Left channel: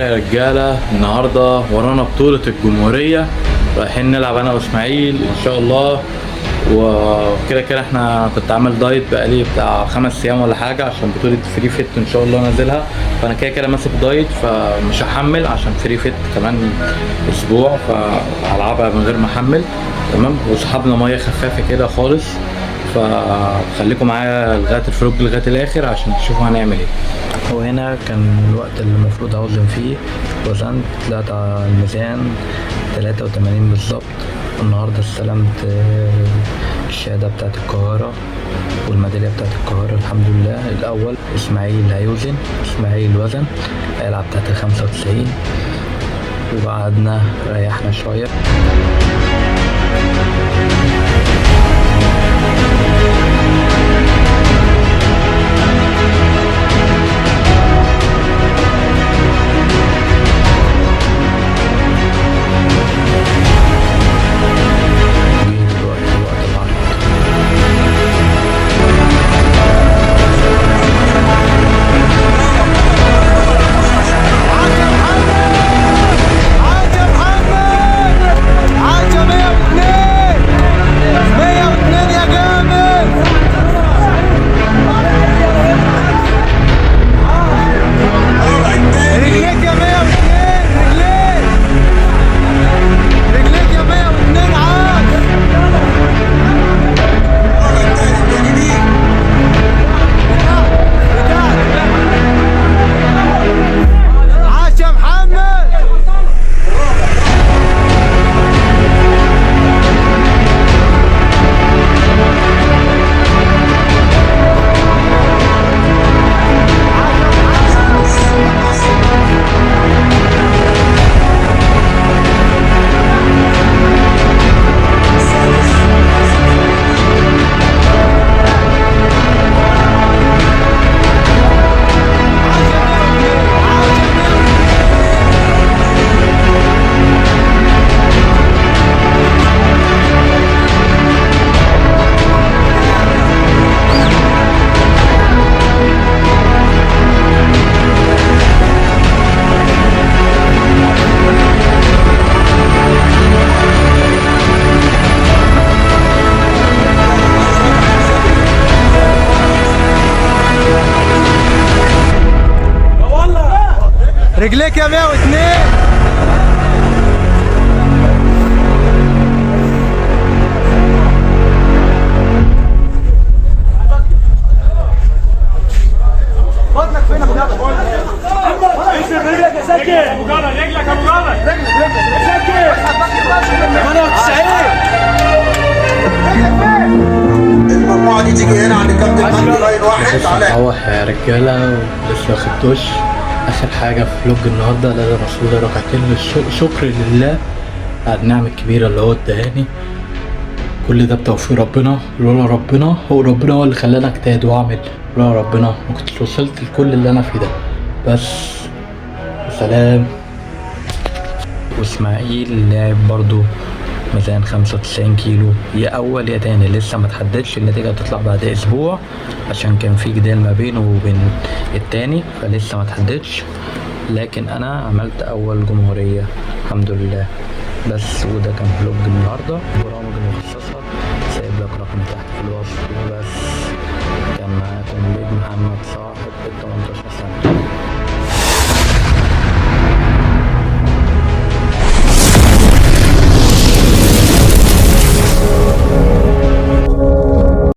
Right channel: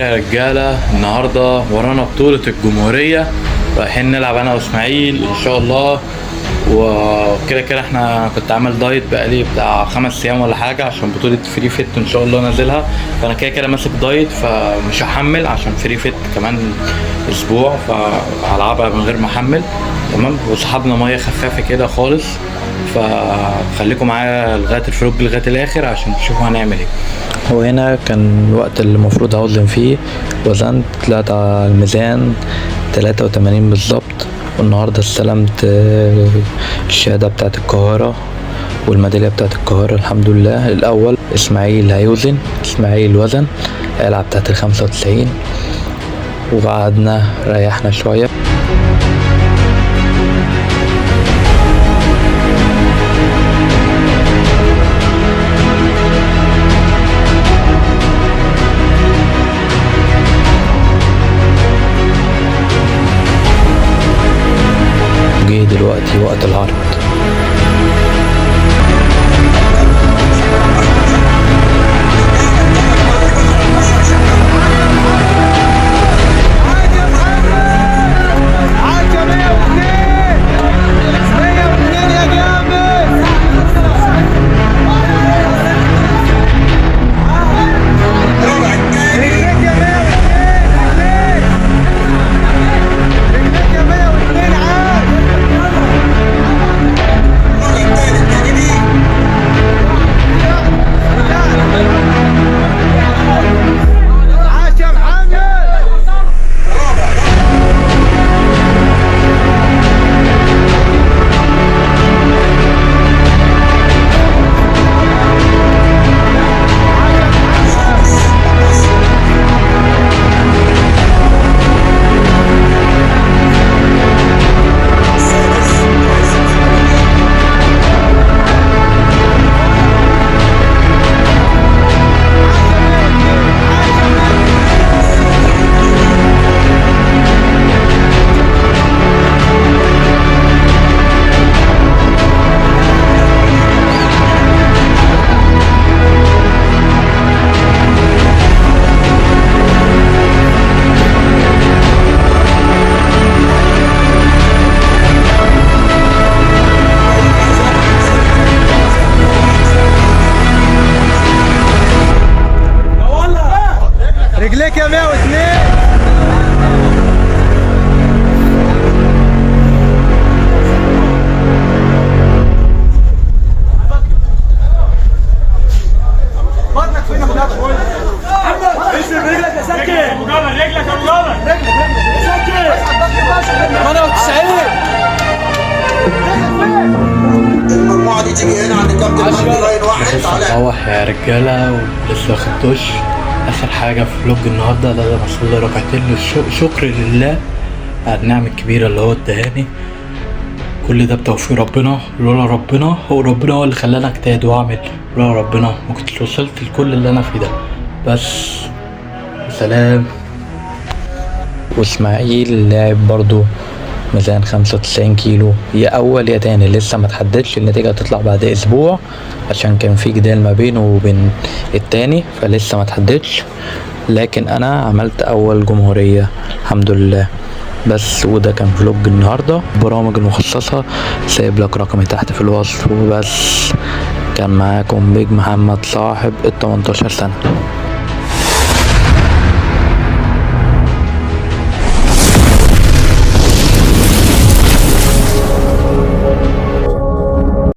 يا رجالة النهاردة ورانا بطولة الجمهورية، رايحين نلعب أنا وإسماعيل إن شاء الله. وكده كده احنا كنت عامل دايت بقالي بتاع 5 أيام ولا حاجة عشان بطولة فري فيت إن شاء الله نازلها، فأنا كده كده ماسك دايت فمش هحمل عشان فري فيت كمان أسبوع، فهلعبها من غير ما أحمل. تمام، وسحبنا مية خفافة كده خالص، فخليكم معايا لغاية الفلوج لغاية الآخر عشان تشوفوا هنعمل ايه. وهنا كان الوقت اللي المفروض هوزن فيه، وزنت طلعت على الميزان 83 بالظبط. والنهاردة استلمت الشهادة بتاعت القاهرة والميدالية بتاعت القاهرة الحمد لله. الأول إسماعيل هيوزن، إسماعيل وزن العب بتاعت 95، وقعدنا ريحنا شوية. دلوقتي وقت العرض. رجليك يا 102. بطنك فين يا مجرد؟ اسم رجلك يا سكن. مجرد رجلك يا مجرد. رجلك يا سكن. 98. المجموعة دي تيجي هنا عند كابتن مجدي لاين واحد. لسه مروح يا رجالة ولسه واخد دش. آخر حاجة في فلوج النهاردة لازم أصلي ركعتين شكر لله على النعم الكبيرة اللي هو ادهاني. كل ده بتوفيق ربنا، لولا ربنا هو اللي خلاني اجتهد واعمل، لولا ربنا ما كنتش وصلت لكل اللي انا فيه ده. بس سلام. واسماعيل لاعب برضو ميزان 95 كيلو، يا اول يا تاني، لسه ما تحددش، النتيجة هتطلع بعد اسبوع عشان كان في جدال ما بينه وبين التاني، فلسه ما تحددش. لكن انا عملت اول جمهورية الحمد لله. بس وده كان فلوج النهاردة. برامج المخصصة سايب لك رقمي تحت في الوصف. وبس كان معاكم بيج محمد صاحب ال 18 سنة.